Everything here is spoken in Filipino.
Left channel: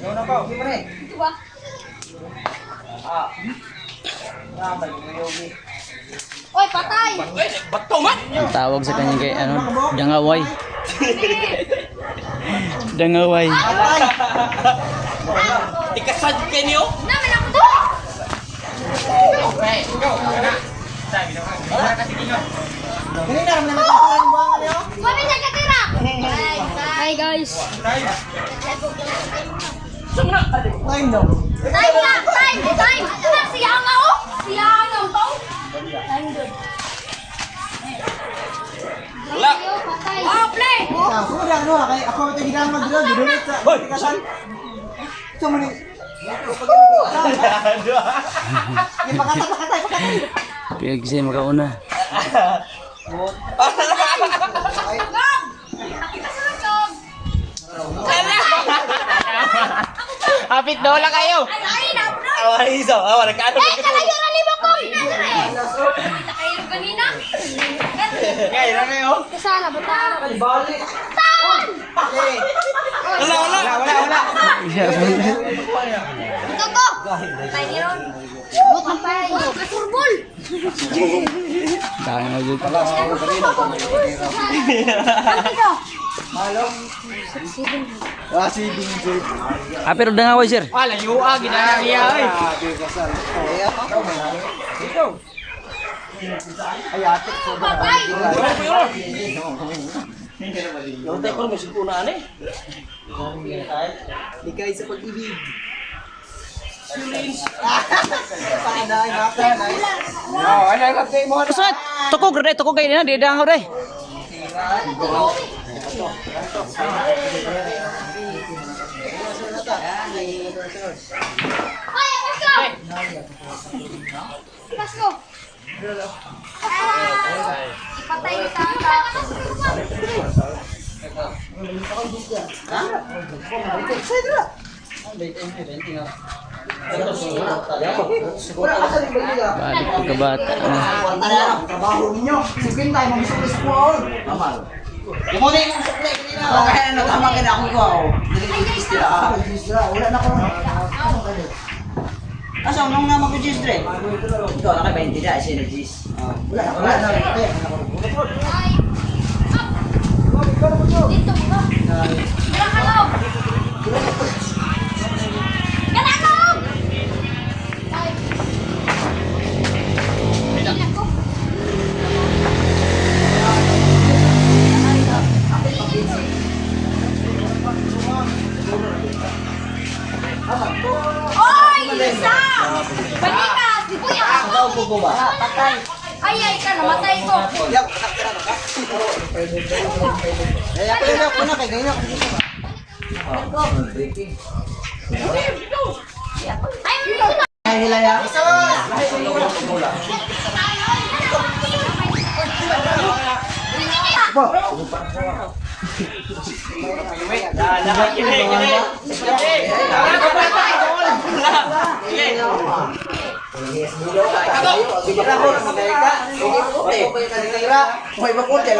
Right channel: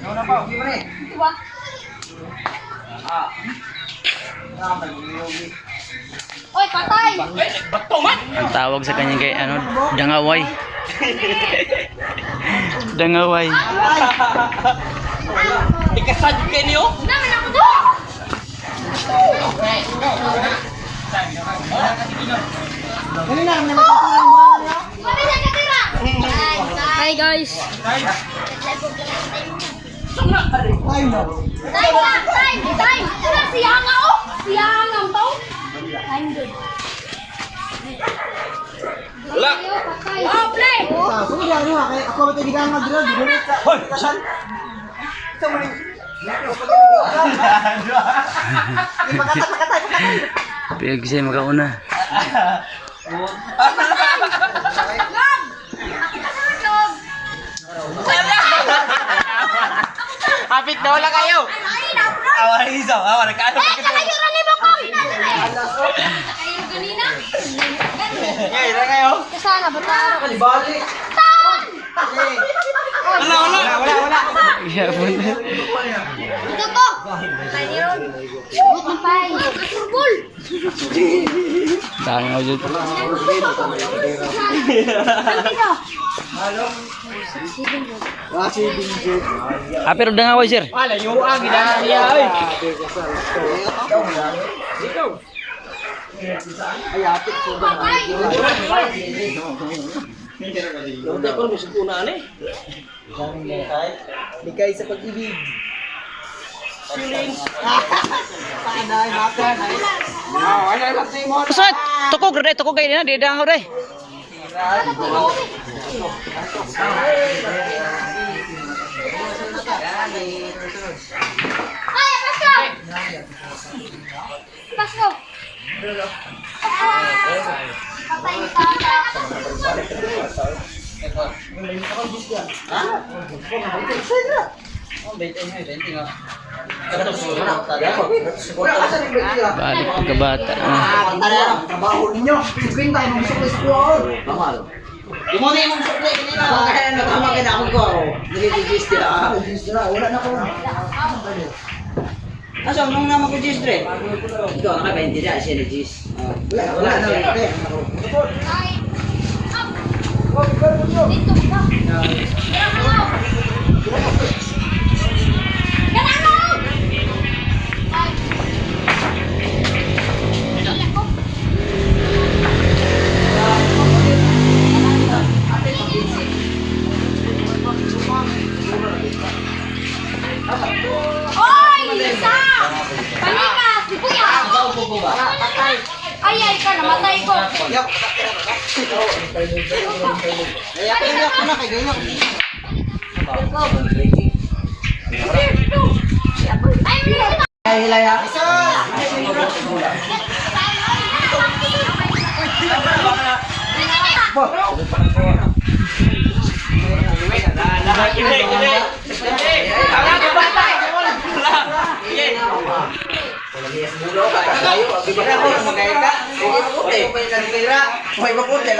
Ikaw na pa, gimana eh? Ito ba? Oy, patay! Ang tawag sa kanya kay ano, dangaway. Dangaway. Ikasad kayo niyo? Namin ako to! Mami, nagkatira! Hi guys! Time! Siyang ako! Siyang ang to! Time good. Wala! Wow, play! Ako ba tayo mag-drill? Dibulit ka. Hoy! Kasan? Ito mo rin. Pakatay. Piyag siya makauna. Hapit na wala kayo! Ay, na-bro! Awa isa! Awa, nagkaano Ay, ka nakayo na ni Bang Bang! Ay, kanina! Ngayon na kayo! Kasana ba tayo? Kalibali. Saan? Wala! Iya pun. Ito ko! Tayo ni Ron. Buk na pa yun. Kasurbol! Dahil ako dyan. Saan ka? Wasi binjit. Ah, pero dangaway sir. Wala, yung ginagawa niya eh! Ay, atik ko ba? Patay! Yung tayo kung musik una ano eh? Likay sa pag-ibig. Pakindahin natin. Ano yung kapatid mo? Kusat, tukog kayo na, di dangaw rin. Ay, Pasko! Pasko! Patay ni Tata. Balik pagkabata. Ang trabaho ninyo. Sugin tayo ng gusto ko sa Yung mga yung supply, hindi na. Kaya nagkamakin ako ko ako. Nililitis nila ako. Wala na ko. Asa, nung naman ko Jis Dre? Ito, naka 20 na siya ni Jis. Wala na. Ay! Dito ba? Tara ka mo! Tara ka mo! Ay! Ilan ko? Oy! Isa! Panikas! Di kuya! Ikaw po ba? Ay, ka, namatay ko! Kaya ko na kay ganyan. Ay, bilis! Ay, hilaya. Ako, magkaya ka. Sige, puti. May puti.